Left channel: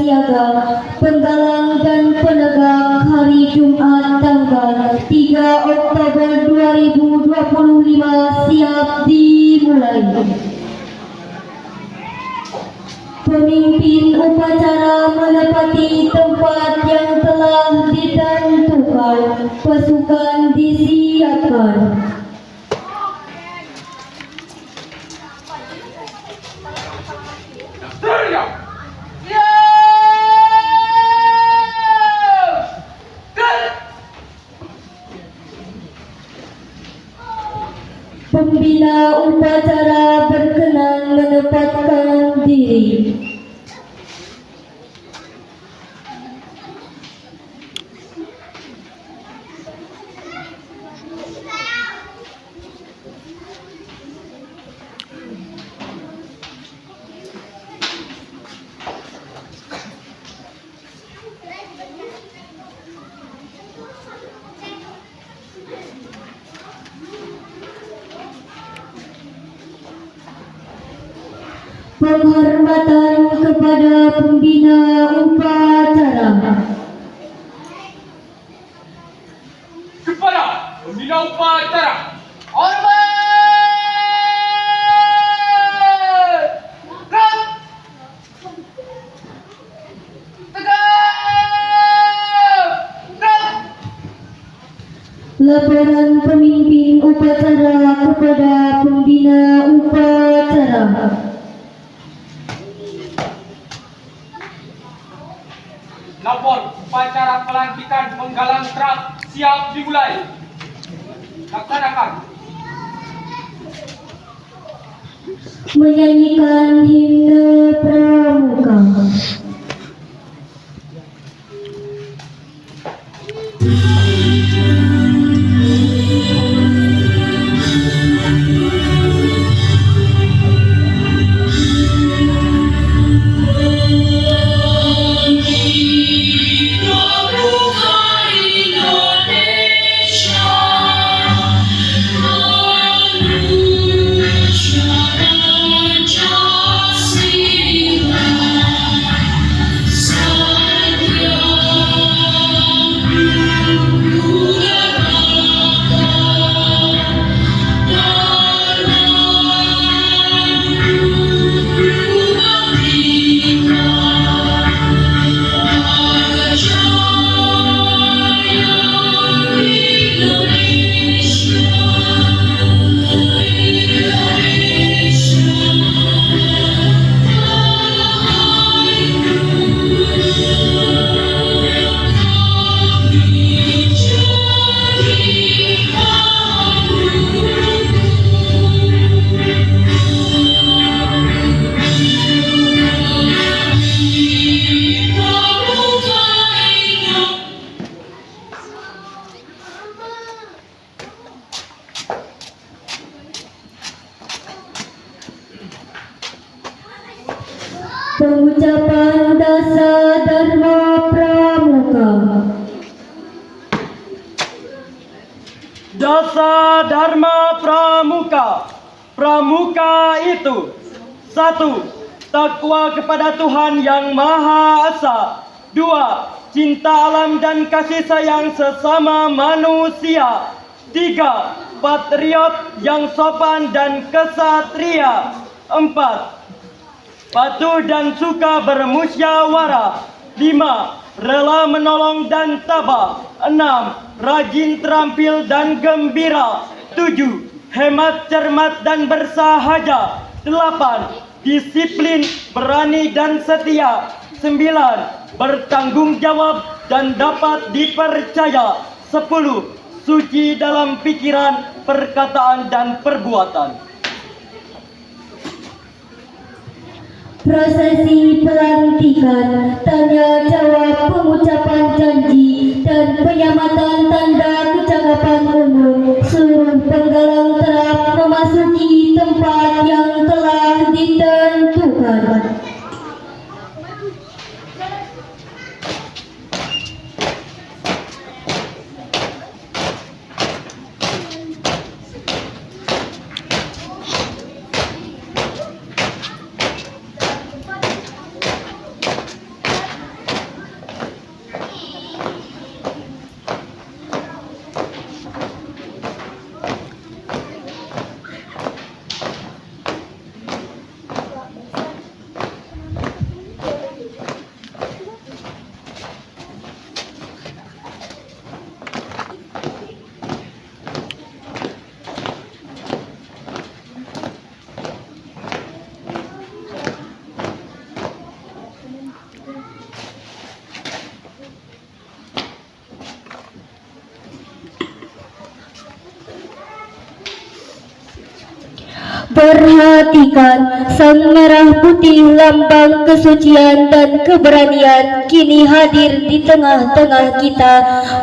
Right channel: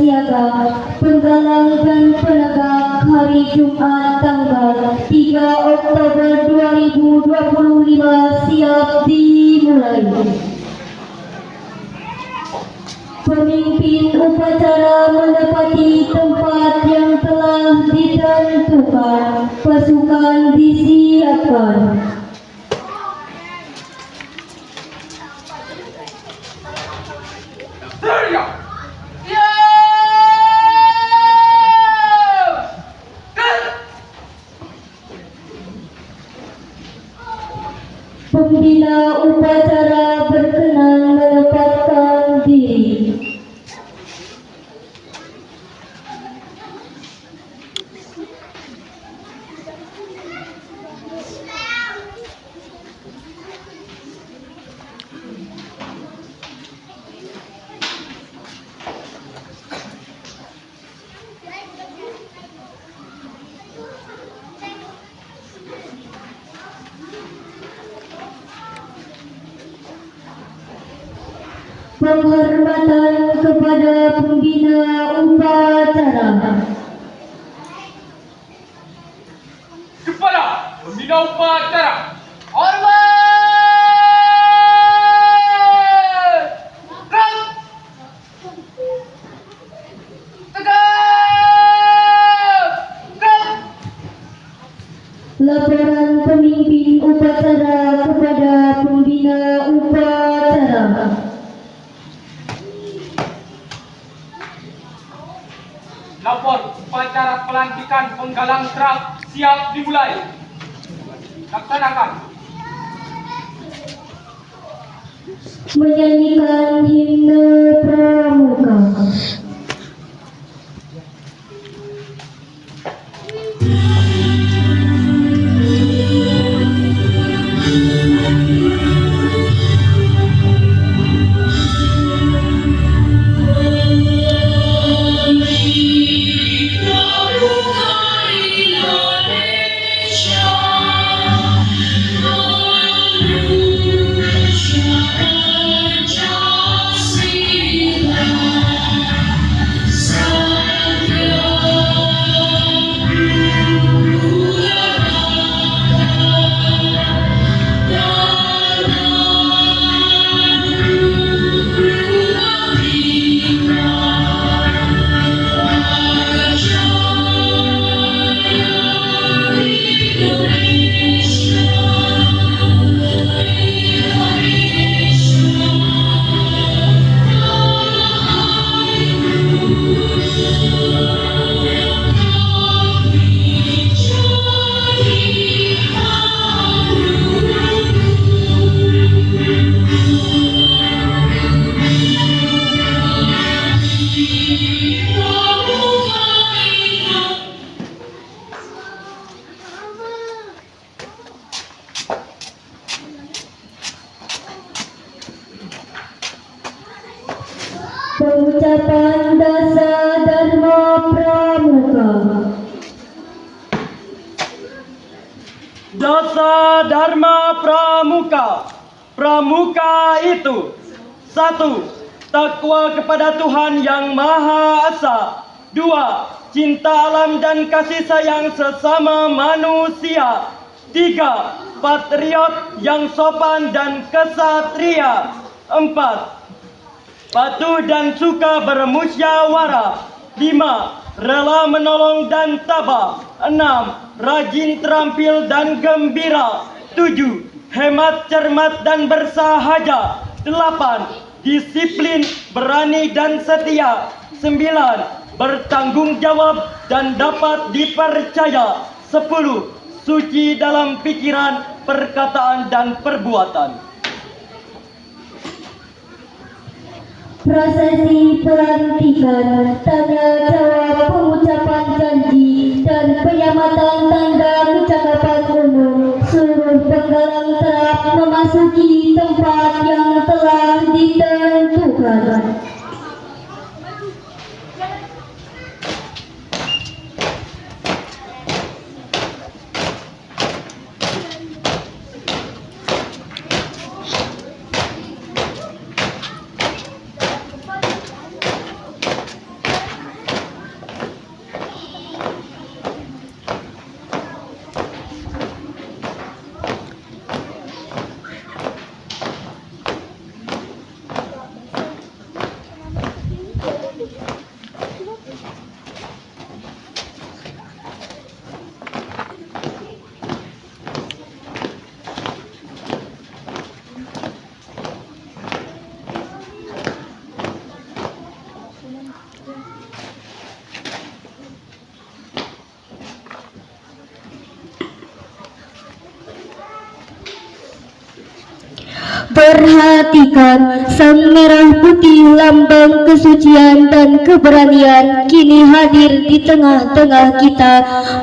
siaga, penggalang dan penegak hari Jumat tanggal 3 Oktober 2025 siap dimulai. Pemimpin upacara menepati tempat yang telah ditentukan. Pasukan disiapkan. Pembina upacara berkenan menempatkan diri. Penghormatan kepada pembina upacara. Kepada pembina upacara, hormat! Gerak! Tegak! Gerak! Laporan pemimpin upacara kepada pembina upacara. Lapor upacara pelantikan penggalang truk siap dimulai. Laksanakan. Menyanyikan himne pramuka. Pengucapan dasar Dharma Pramuka. Dasa Dharma Pramuka. Pramuka itu: 1. Takwa kepada Tuhan Yang Maha Esa. 2. Cinta alam dan kasih sayang sesama manusia. 3. Patriot yang sopan dan kesatria. 4. Patuh dan suka bermusyawarah. 5. Rela menolong dan tabah. 6. Rajin, terampil dan gembira. 7. Hemat, cermat dan bersahaja. 8. Disiplin, berani dan setia. 9. Bertanggung jawab dan dapat dipercaya. 10. Suci dalam pikiran, perkataan dan perbuatan. Prosesi pelantikan, tanda jawab, pengucapan janji, dan penyamatan tanda kecakapan umum. Seluruh penggalang truk memasuki tempat yang telah ditentukan. Perhatikan, sang merah putih lambang kesucian dan keberanian kini hadir di tengah-tengah kita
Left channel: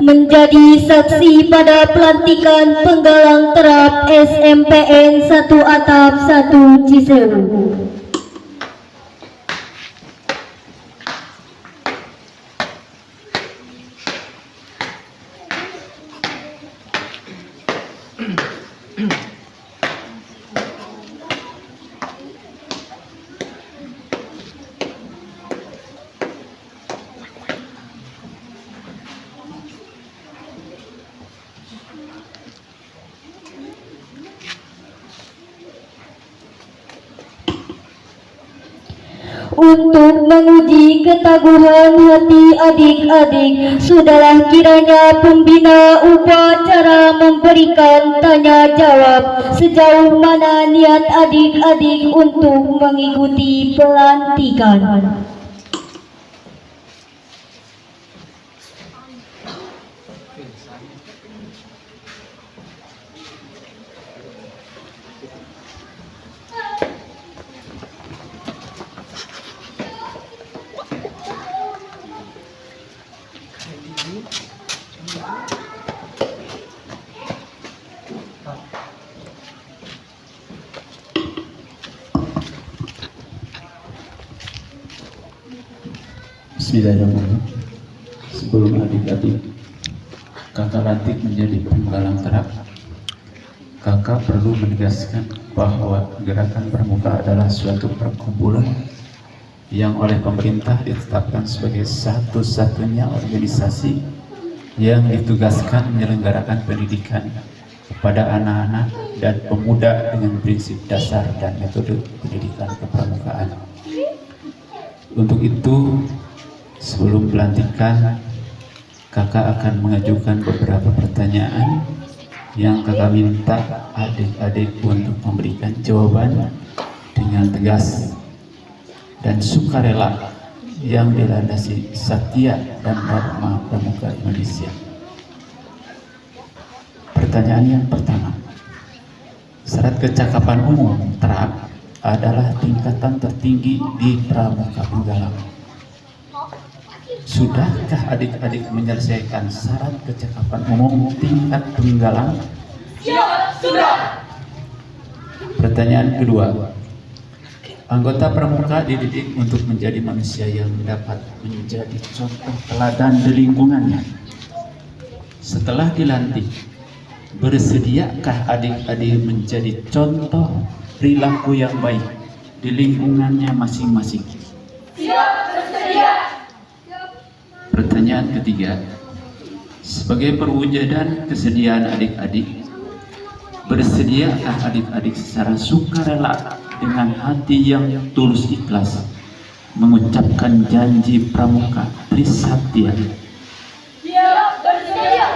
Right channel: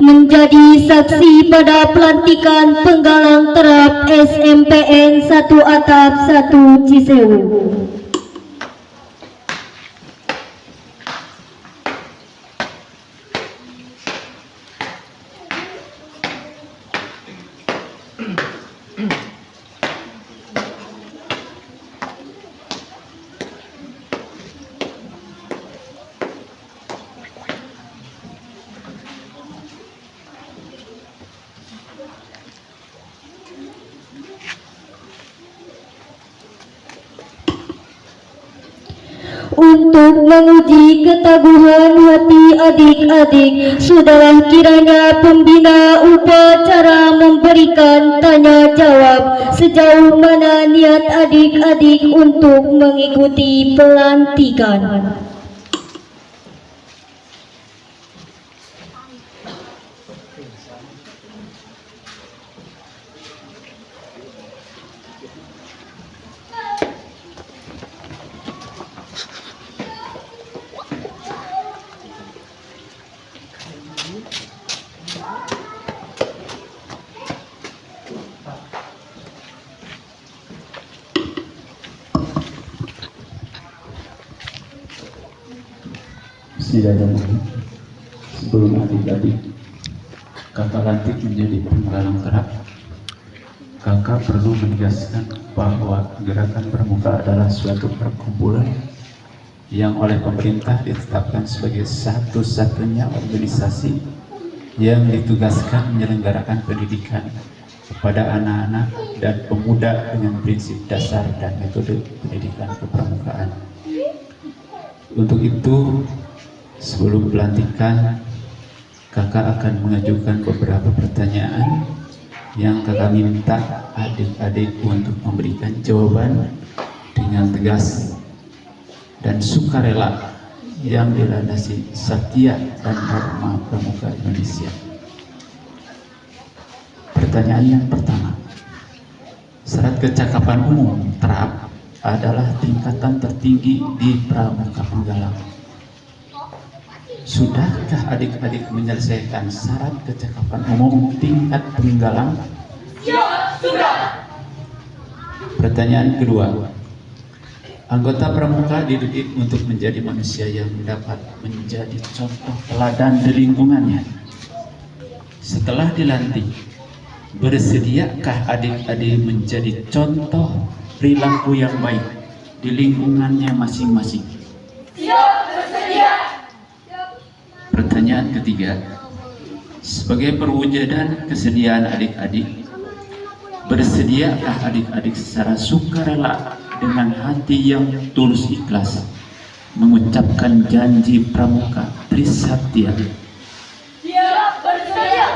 menjadi saksi pada pelantikan penggalang terap SMPN 1 Atap 1 Cisewu. Untuk menguji ketaguhan hati adik-adik, sudahlah kiranya pembina upacara memberikan tanya jawab sejauh mana niat adik-adik untuk mengikuti pelantikan. Bismillahirrahmanirrahim. Sebelum adik-adik kakak lantik menjadi penggalang terap, kakak perlu menegaskan bahwa gerakan pramuka adalah suatu perkumpulan yang oleh pemerintah ditetapkan sebagai satu-satunya organisasi yang ditugaskan menyelenggarakan pendidikan kepada anak-anak dan pemuda dengan prinsip dasar dan metode pendidikan kepramukaan. Untuk itu, sebelum pelantikan, kakak akan mengajukan beberapa pertanyaan yang kakak minta adik-adik untuk memberikan jawaban dengan tegas dan sukarela yang dilandasi satya dan dharma pramuka Indonesia. Pertanyaan yang pertama, syarat kecakapan umum terap adalah tingkatan tertinggi di pramuka penggalang. Sudahkah adik-adik menyelesaikan syarat kecakapan umum tingkat penggalang? Ya, sudah. Pertanyaan kedua, anggota pramuka dididik untuk menjadi manusia yang dapat menjadi contoh teladan di lingkungannya. Setelah dilantik, bersediakah adik-adik menjadi contoh perilaku yang baik di lingkungannya masing-masing? Siap, bersedia. Pertanyaan ketiga, sebagai perwujudan kesediaan adik-adik, bersediakah adik-adik secara sukarela dengan hati yang tulus ikhlas mengucapkan janji pramuka Trisatya? Siap, bersedia.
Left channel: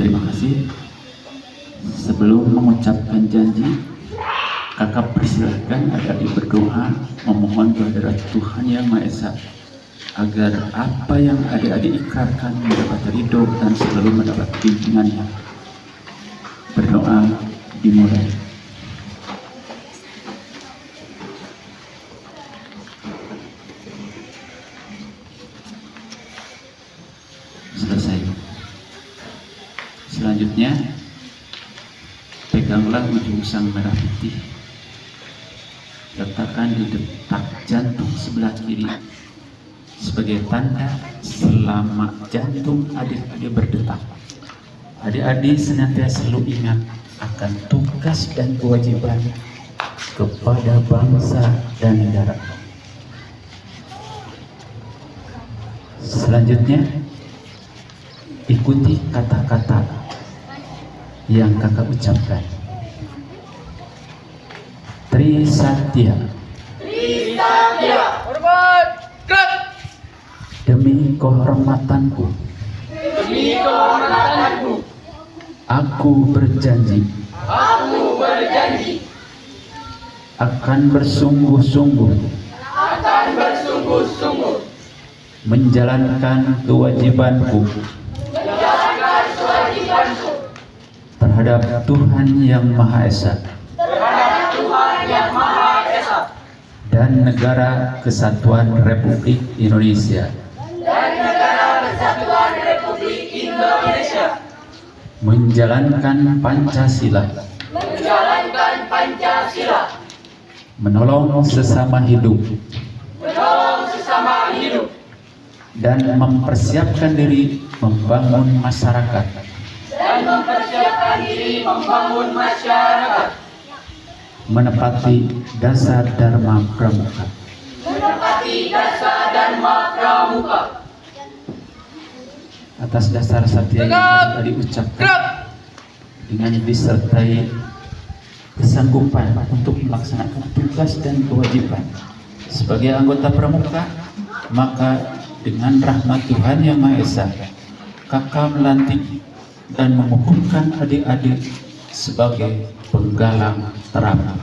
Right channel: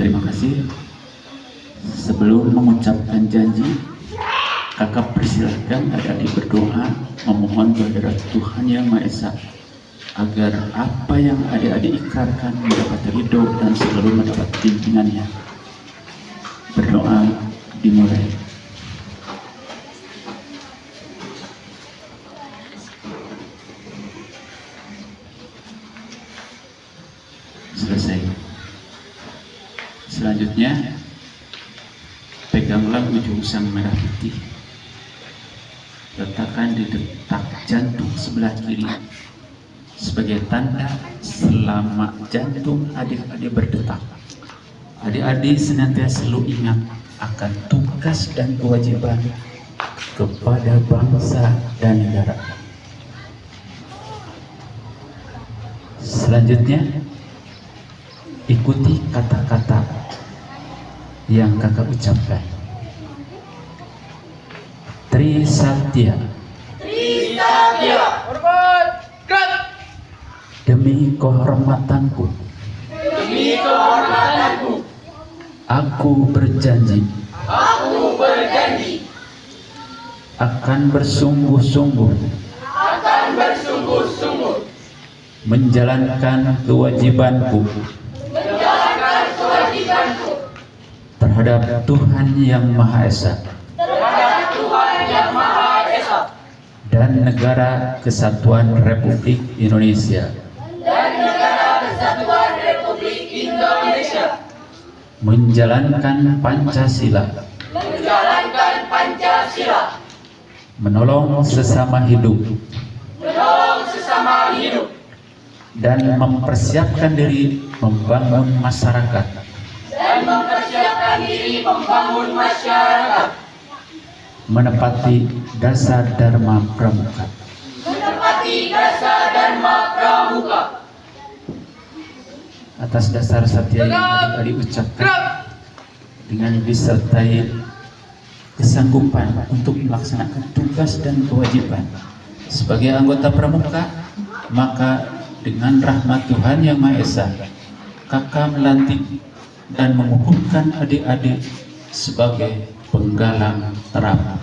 Terima kasih. Sebelum mengucapkan janji, kakak persilahkan adik-adik berdoa memohon kehadirat Tuhan Yang Maha Esa agar apa yang adik-adik ikrarkan mendapat ridho dan selalu mendapat bimbingannya. Berdoa dimulai. Selesai. Selanjutnya, peganglah ujung sang merah putih, letakkan di detak jantung sebelah kiri sebagai tanda selama jantung adik-adik berdetak, adik-adik senantiasa selalu ingat akan tugas dan kewajiban kepada bangsa dan negara. Selanjutnya, ikuti kata-kata yang kakak ucapkan. Trisatya. Trisatya. Hormat. Gerak. Demi kehormatanku, Demi kehormatanku, aku berjanji aku berjanji akan bersungguh-sungguh akan akan bersungguh-sungguh menjalankan kewajibanku menjalankan kewajibanku terhadap Tuhan Yang Maha Esa terhadap Tuhan Yang Maha Esa dan Negara Kesatuan Republik Indonesia, dan Negara Kesatuan Republik Indonesia, menjalankan Pancasila, menjalankan Pancasila, menolong sesama hidup, menolong sesama hidup, dan mempersiapkan diri membangun masyarakat dan mempersiapkan diri membangun masyarakat, menepati dasar Dharma Pramuka. menepati dasar Dharma Pramuka. Atas dasar satya yang tadi ucapkan dengan disertai kesanggupan untuk melaksanakan tugas dan kewajiban sebagai anggota Pramuka, maka dengan rahmat Tuhan Yang Maha Esa, kakak melantik dan mengukuhkan adik-adik sebagai penggalang terang.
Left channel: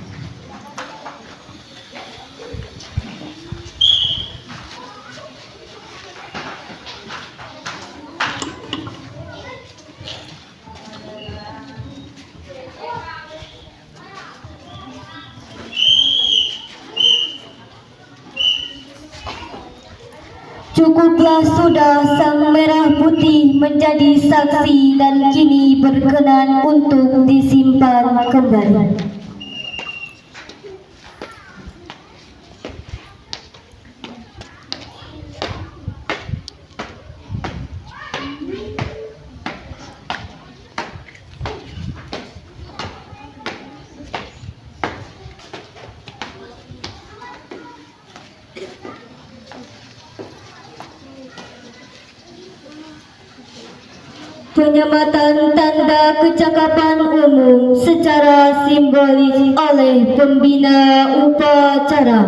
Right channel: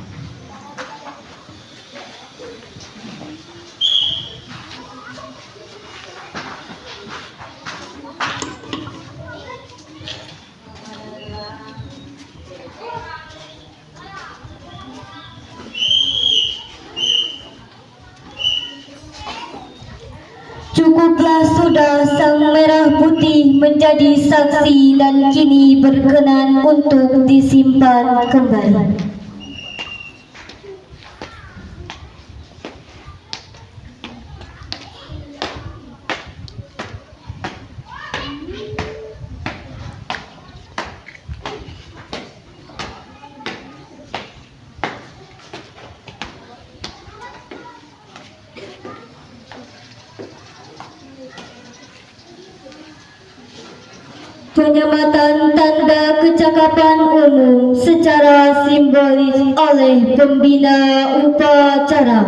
Cukuplah sudah sang merah putih menjadi saksi dan kini berkenan untuk disimpan kembali. Penyematan tanda kecakapan umum secara simbolis oleh pembina upacara.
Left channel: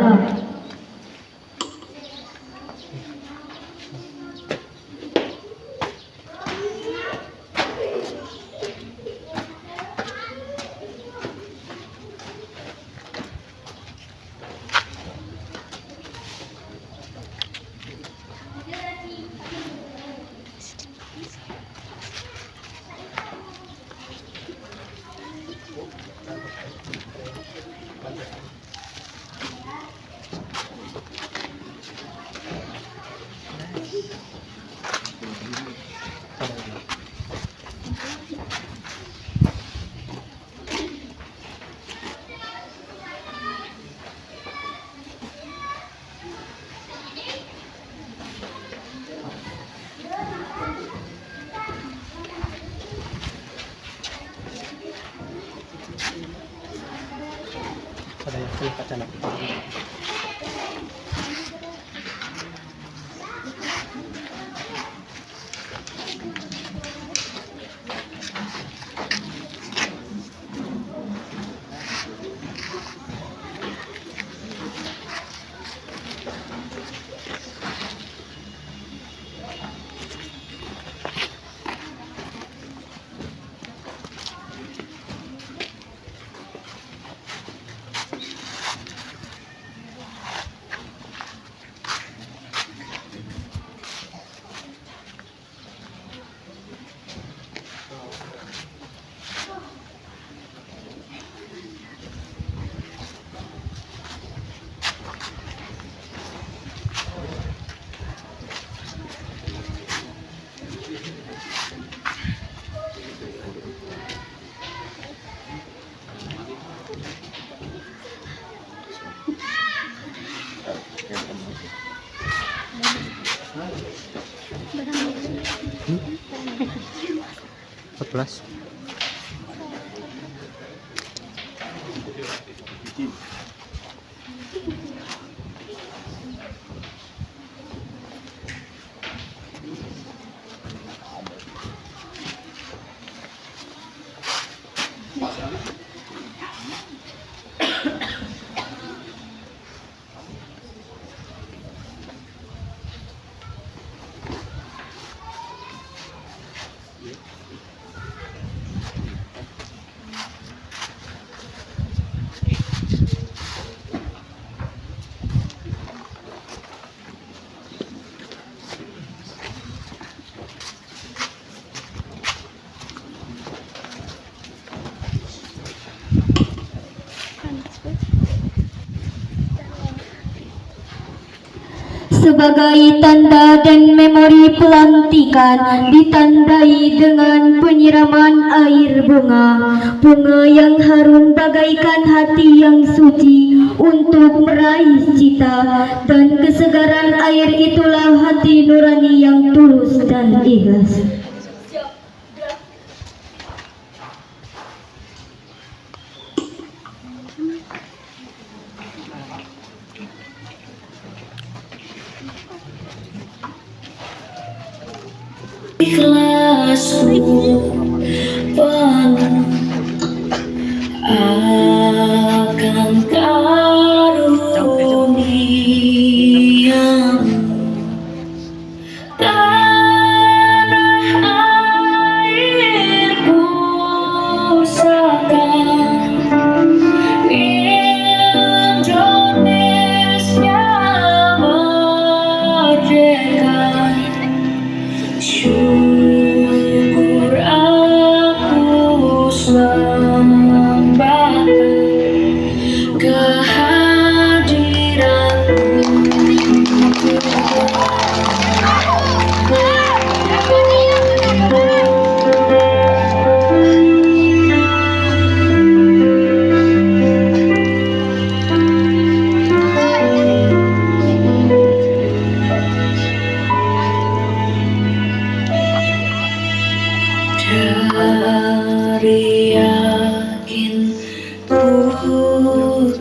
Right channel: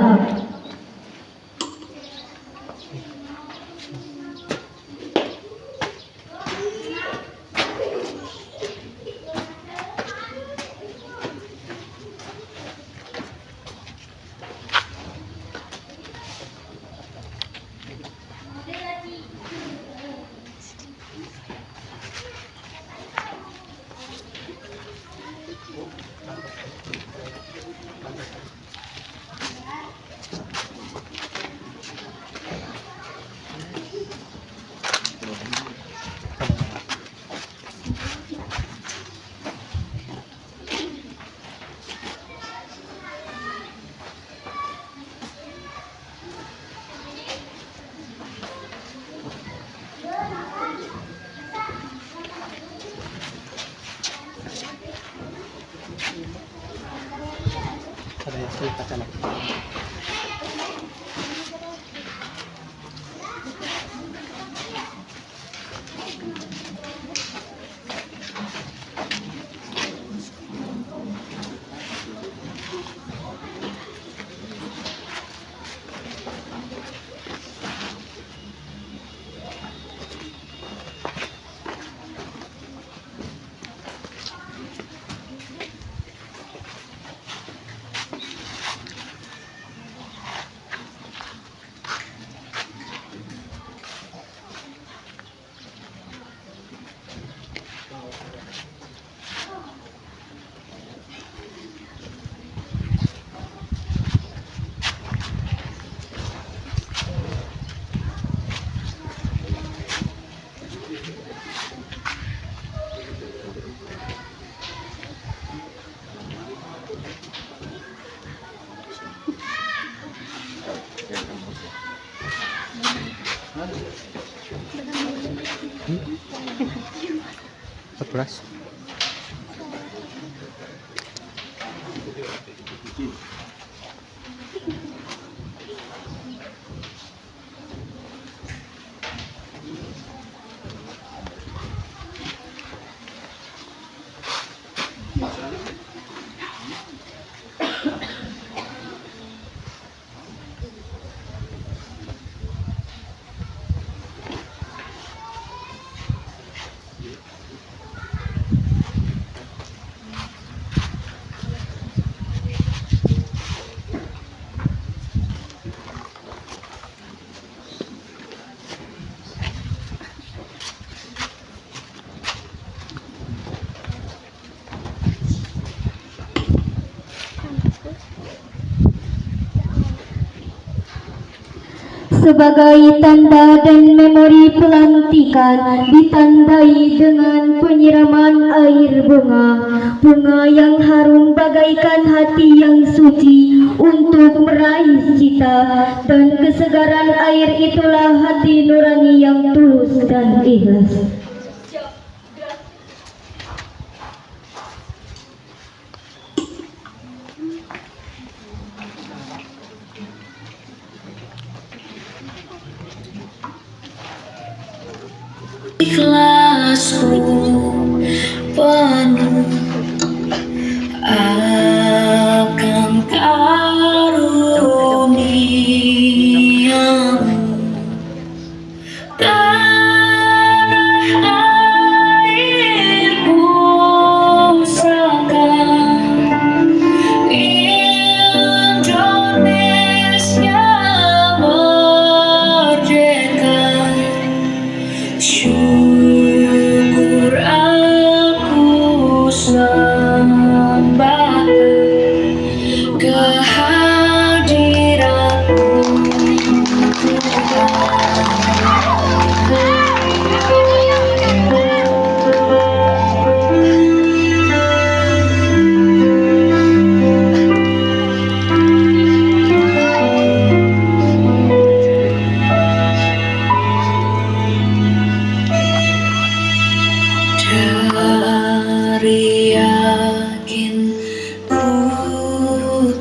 sebagai tanda dan memori pelantikan ditandai dengan penyiraman air bunga yang harum bagaikan hati yang suci untuk meraih cita, dan kesegaran air itulah hati nurani yang tulus dan ikhlas. Ikhlasku penuh akan karunia-Mu, tanah airku sekarang Indonesia merdeka. Syukur aku sembahkan kehadiran-Mu dari yakin ku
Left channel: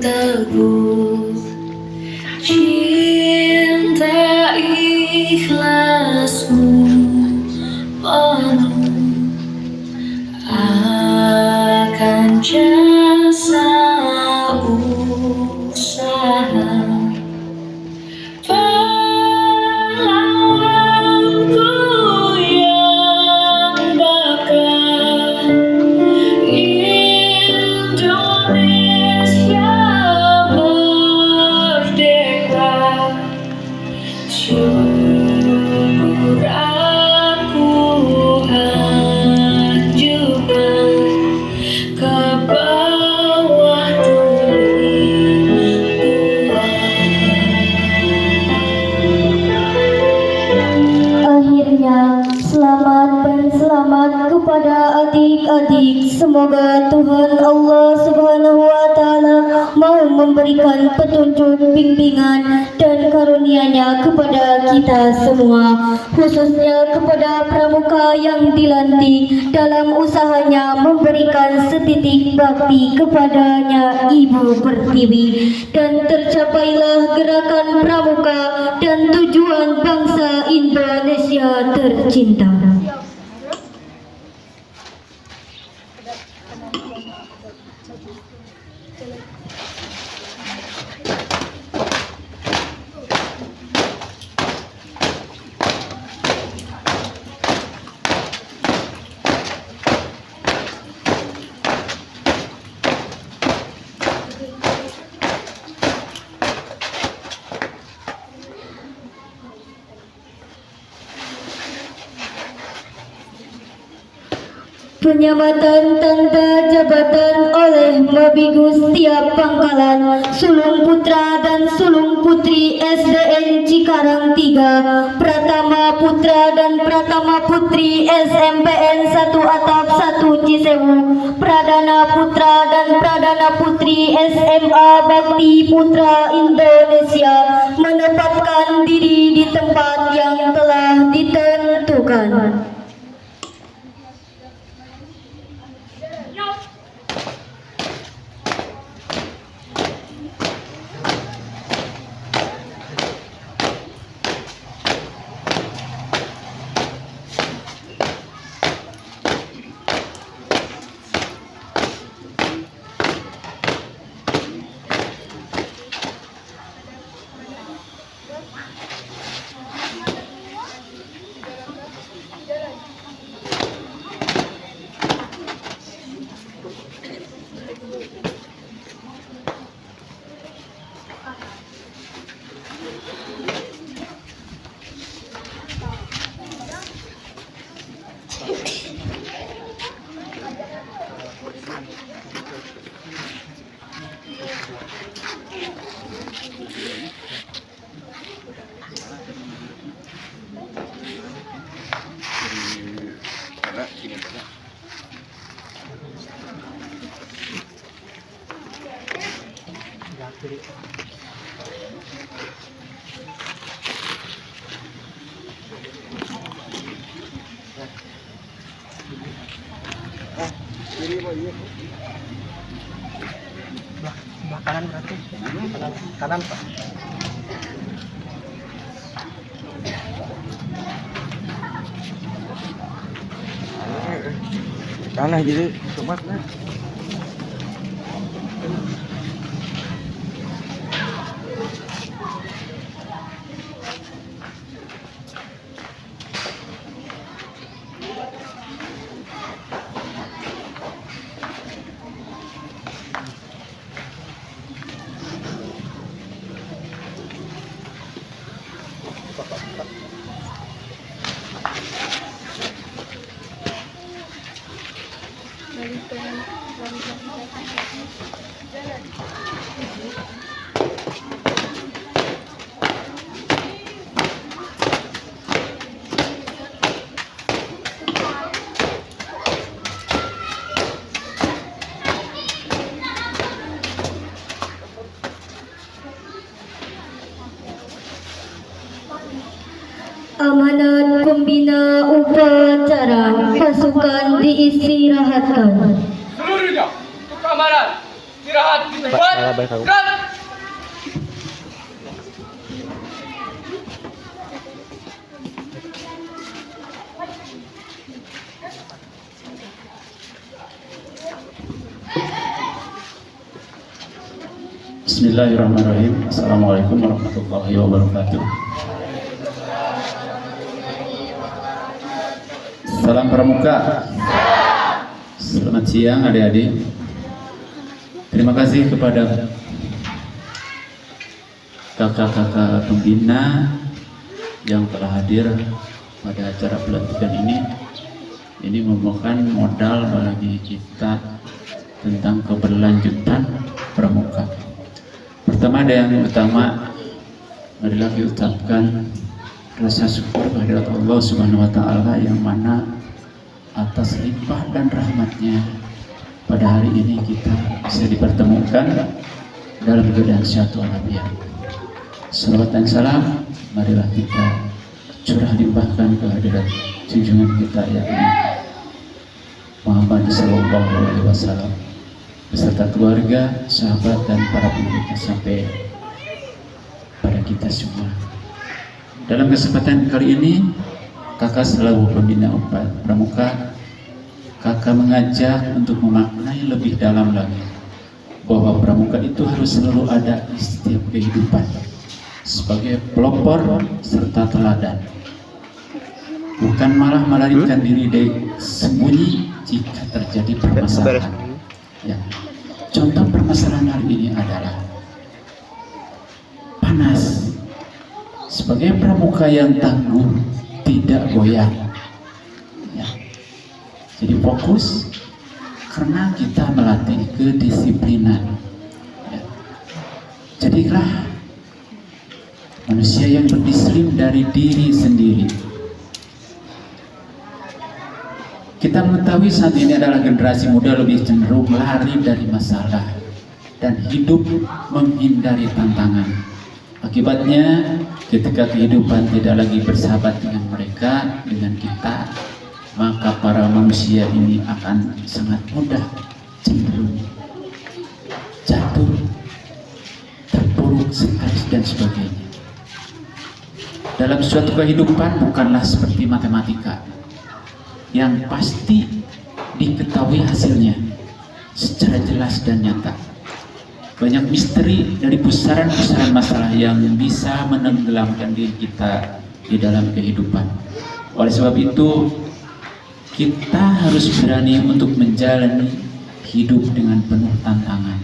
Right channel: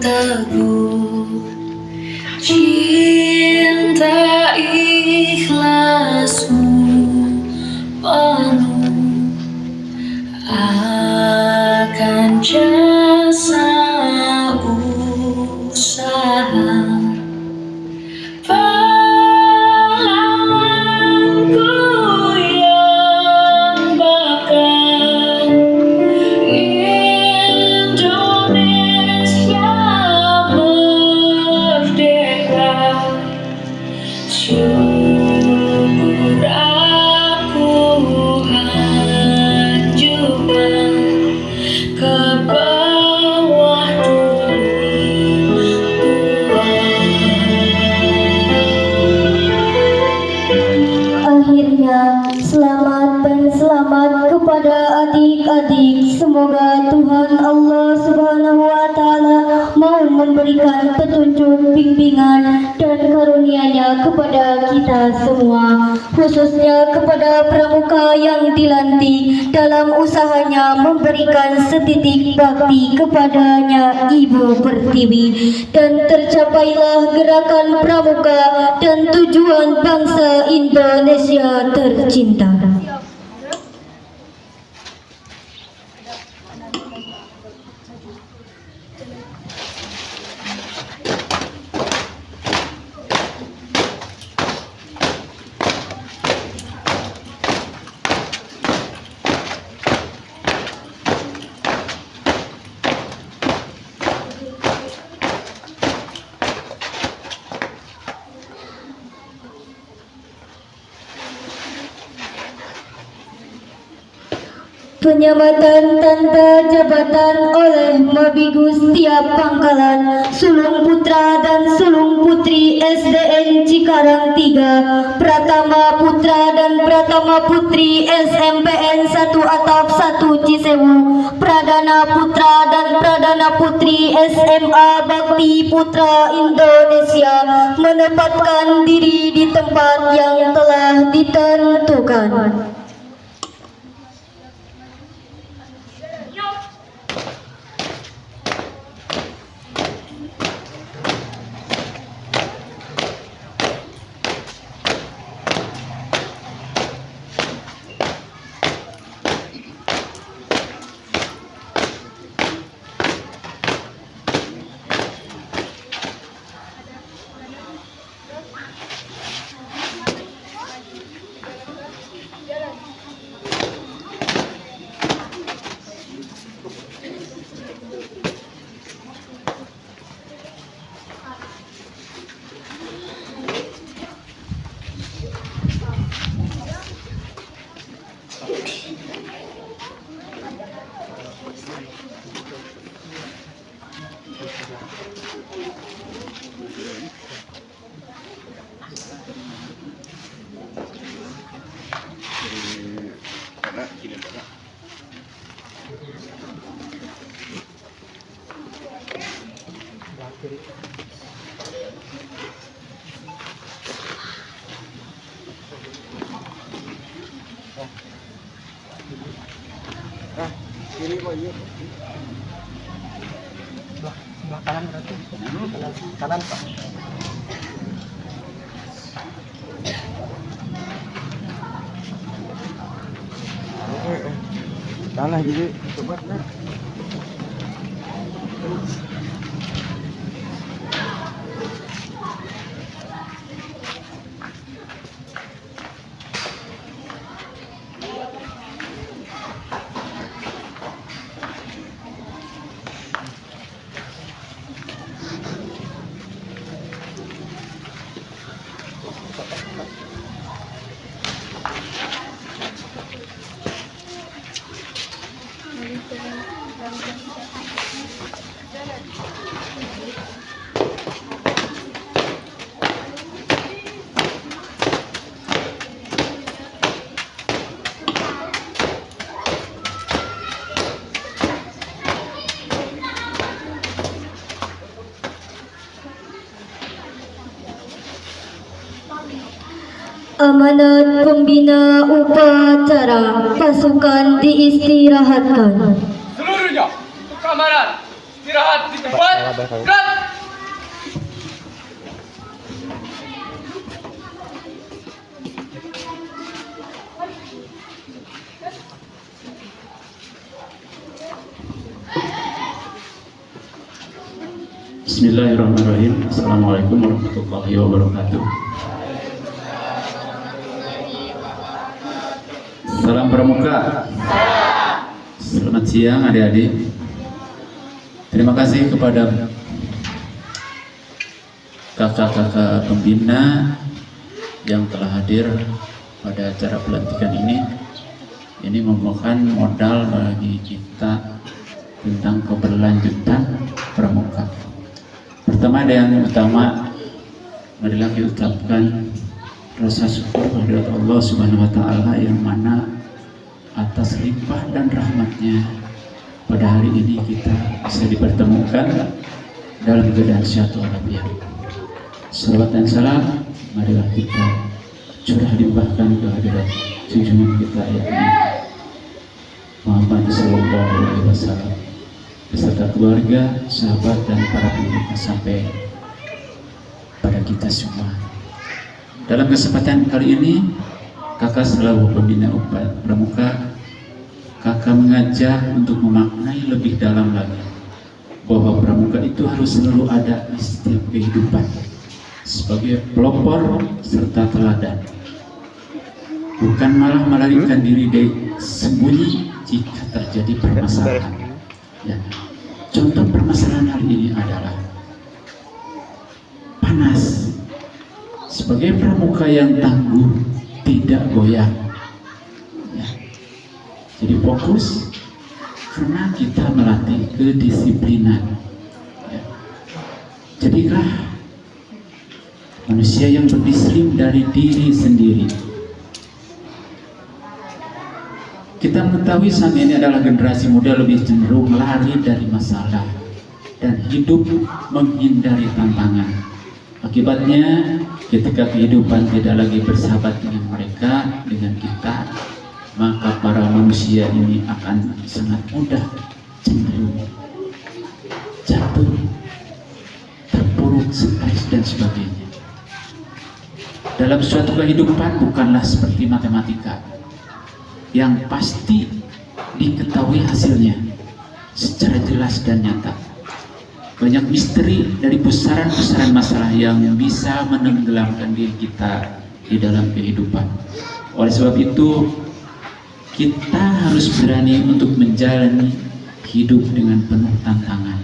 teguh cinta ikhlas-Mu penuh akan jasa usaha pahlawanku yang bakal Indonesia merdeka. Syukur aku hancurkan ke bawah Akhirnya, selamat dan selamat kepada adik-adik. Semoga Tuhan Allah Subhanahu wa Ta'ala mau memberikan petunjuk, bimbingan, dan karunia-Nya kepada kita semua, khususnya kepada pramuka yang dilantik dalam usahanya memberikan setitik bakti kepadanya Ibu Pertiwi, dan tercapailah gerakan pramuka dan tujuan bangsa Indonesia tercinta. Penyamatan tanda jabatan oleh Mabigus Tiap Pangkalan, Sulung Putra dan Sulung Putri SDN Cikarang 3, Pratama Putra dan Pratama Putri SMPN 1 Atap 1 Cisewu, Pradana Putra dan Pradana Putri SMA Bakti Putra Indonesia menempatkan diri di tempat yang telah ditentukan. Sebelah kanan berarti. Kanan Pak. Kanan jadi tempatnya. Amanat pembina upacara pasukan diistirahatkan. Seluruhnya untuk keamanan. Istirahat di tempat. Gerak. Bismillahirrahmanirrahim. Assalamualaikum warahmatullahi wabarakatuh. Salam Pramuka. Selamat siang adik-adik. Terima kasih kepada kakak-kakak pembina yang telah hadir pada acara pelantikan ini. Ini merupakan modal bagi kita tentang keberlanjutan Pramuka. Pertama dan yang utama, marilah diucapkan rasa syukur kehadirat Allah Subhanahu wa Ta'ala yang mana atas limpah dan rahmatnya pada hari ini kita bisa dipertemukan dalam keadaan sehat walafiat. Salawat dan salam marilah kita curah limpahkan kehadirat junjungan kita yakni Muhammad sallallahu alaihi wasallam beserta keluarga, sahabat dan para pengikutnya sampai pada kita semua. Dalam kesempatan kali ini, kakak selaku pembina Pramuka, kakak mengajak untuk memaknai lebih dalam lagi bahwa Pramuka itu harus selalu ada di setiap kehidupan sebagai pelopor serta teladan, bukan malah melarikan diri dari sembunyi jika terjadi permasalahan. Ya. Contoh permasalahan hari ini adalah panas. Sebagai pramuka yang tangguh, tidak goyang. Ya. Jadi fokus karena kita melatih kedisiplinan. Ya. Jadilah manusia yang berdisiplin dari diri sendiri. Kita mengetahui saat ini adalah generasi muda lebih cenderung lari dari masalah dan hidup menghindari tantangan. Akibatnya, ketika kehidupan tidak lagi bersahabat dengan mereka, dengan kita, maka para manusia ini akan sangat mudah cenderung jatuh, terpuruk, stres dan sebagainya. Dalam suatu kehidupan bukanlah seperti matematika yang pasti diketahui hasilnya secara jelas dan nyata. Banyak misteri dari pusaran-pusaran masalah yang bisa menenggelamkan diri kita di dalam kehidupan. Oleh sebab itu, kita harus berani untuk menjalani hidup dengan penuh tantangan.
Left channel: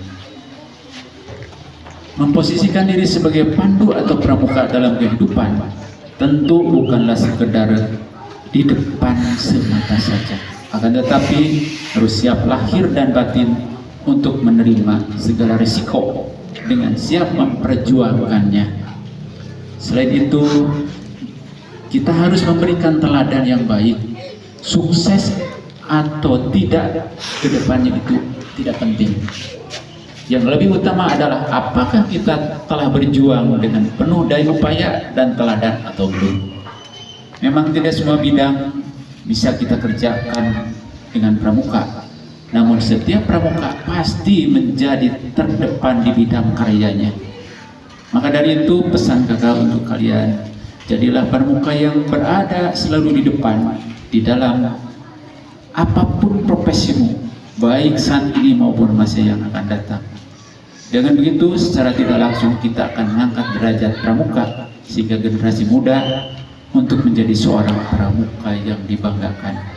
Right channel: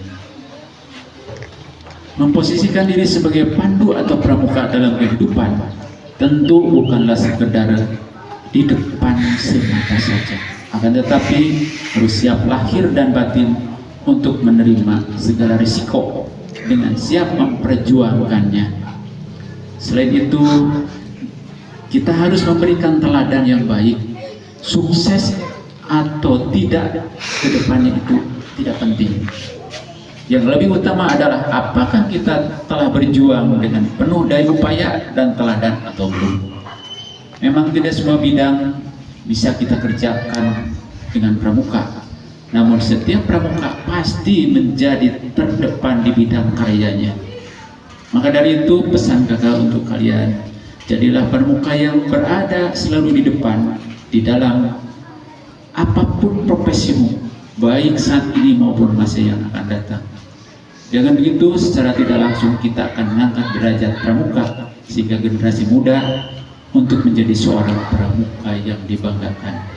Memposisikan diri sebagai pandu atau pramuka dalam kehidupan tentu bukanlah sekedar di depan semata saja, akan tetapi harus siap lahir dan batin untuk menerima segala risiko dengan siap memperjuangkannya. Selain itu, kita harus memberikan teladan yang baik. Sukses atau tidak ke depannya itu tidak penting. Yang lebih utama adalah apakah kita telah berjuang dengan penuh daya upaya dan teladan atau belum. Memang tidak semua bidang bisa kita kerjakan dengan pramuka, namun setiap pramuka pasti menjadi terdepan di bidang karyanya. Maka dari itu pesan kakak untuk kalian, jadilah pramuka yang berada selalu di depan di dalam apapun profesimu, baik saat ini maupun masa yang akan datang. Dengan begitu secara tidak langsung kita akan mengangkat derajat pramuka sehingga generasi muda untuk menjadi seorang pramuka yang dibanggakan.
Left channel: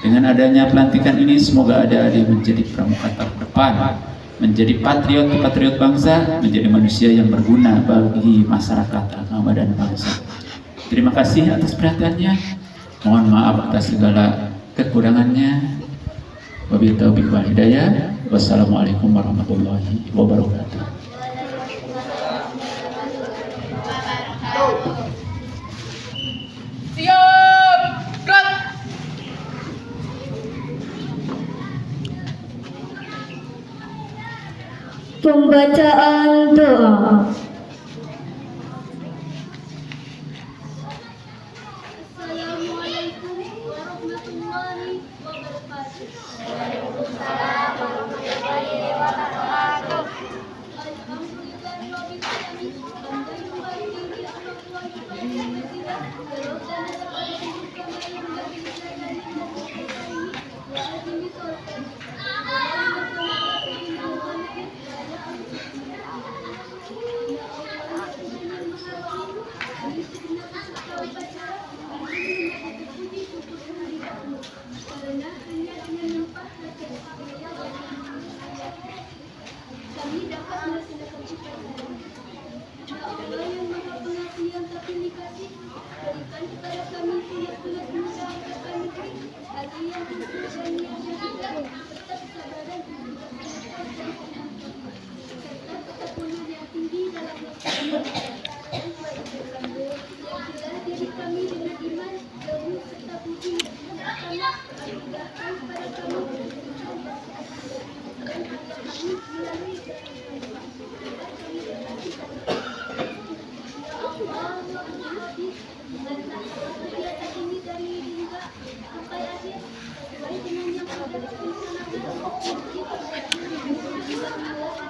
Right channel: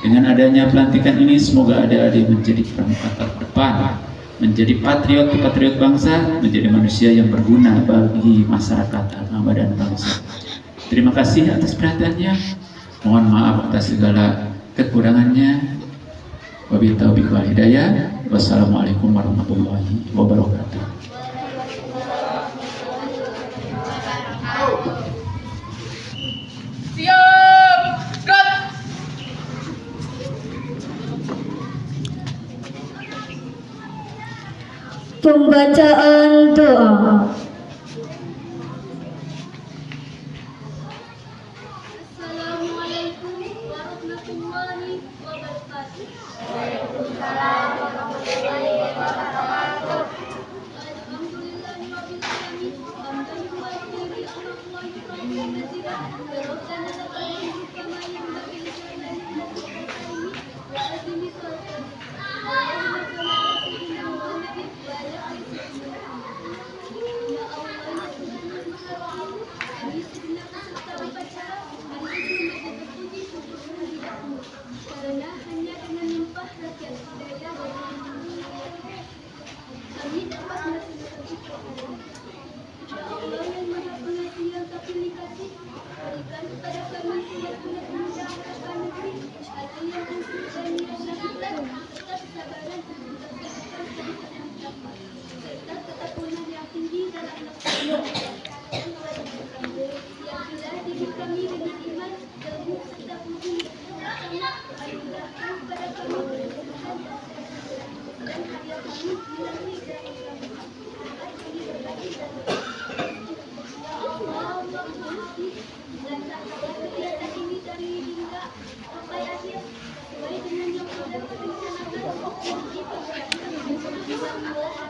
Dengan adanya pelantikan ini semoga adik-adik menjadi pramuka terdepan, menjadi patriot bangsa, menjadi manusia yang berguna bagi masyarakat, agama dan bangsa. Terima kasih atas perhatiannya. Mohon maaf atas segala kekurangannya. Wabillahi taufiq wal hidayah. Wassalamualaikum warahmatullahi wabarakatuh. Siap, gerak. Pembacaan doa. Assalamualaikum warahmatullahi wabarakatuh. Waalaikumsalam warahmatullahi wabarakatuh. Alhamdulillahirabbil alamin. Hamdan yuwaffiqu Allah wa yuwaffiqu Rabbana lakal hamdu kama yanbaghi li jalali wajhika wa azimi sultanik. Karena hanya dengan limpah rakyat kami dapat melaksanakan ibadah. Ya Allah yang Maha Pengasih yang tak pilih kasih, berikan kepada kami sunat-sunat mudah akan negeri, hati yang khusyuk dan niat yang ikhlas, serta kesabaran untuk melaksanakan kehidupan kita, serta ketakutan yang tinggi dalam melaksanakan. Yang jelas diri kami dengan iman, ilmu serta budi yang sama, anugerahkan kepada kami kesusahan dan karya kami melalui dari kami. Dapat kami berbagi dan ya Allah, Maha dan setiap ini dari hingga sampai akhir, sesuai dengan yang sudah direncanakan. Ada kami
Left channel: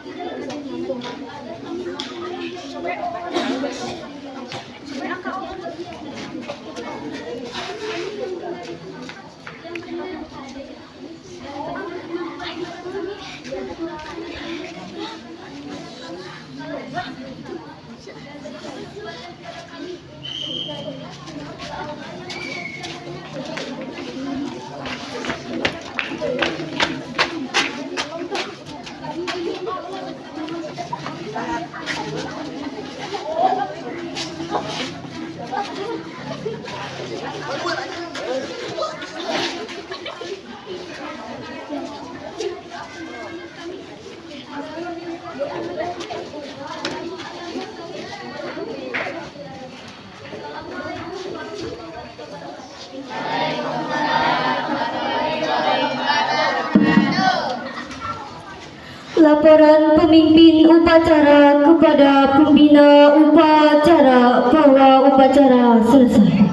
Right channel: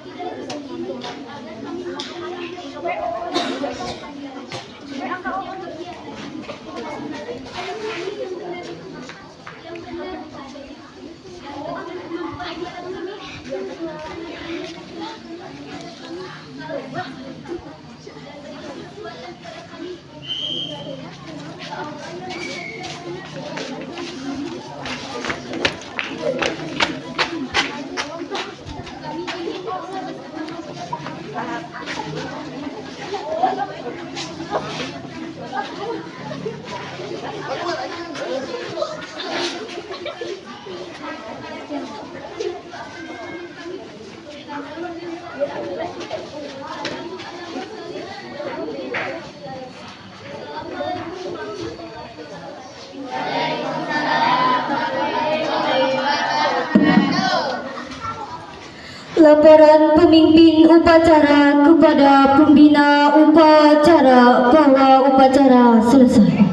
Laporan pemimpin upacara kepada pembina upacara bahwa upacara selesai.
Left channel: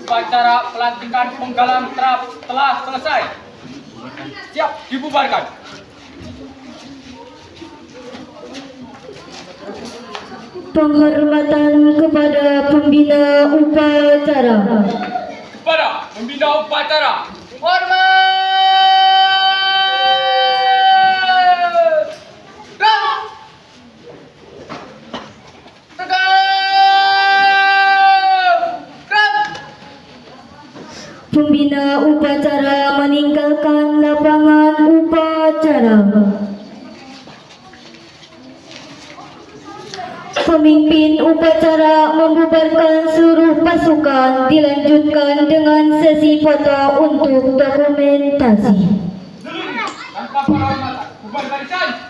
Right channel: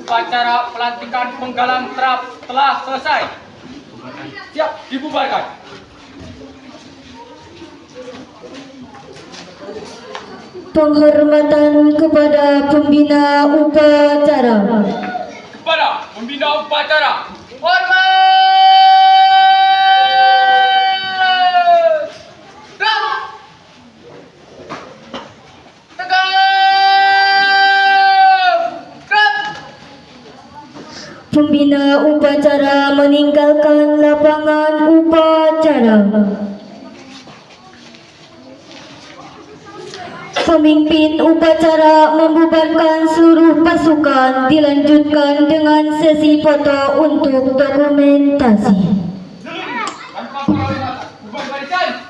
Upacara pelantikan penggalang terap telah selesai. Siap dibubarkan. Penghormatan kepada pembina upacara. Kepada pembina upacara, hormat. Gerak. Tegak. Gerak. Pembina upacara meninggalkan lapangan upacara. Pemimpin upacara membubarkan seluruh pasukan, dilanjutkan dengan sesi foto untuk dokumentasi. Tanpa para hormatan, bubar barisan.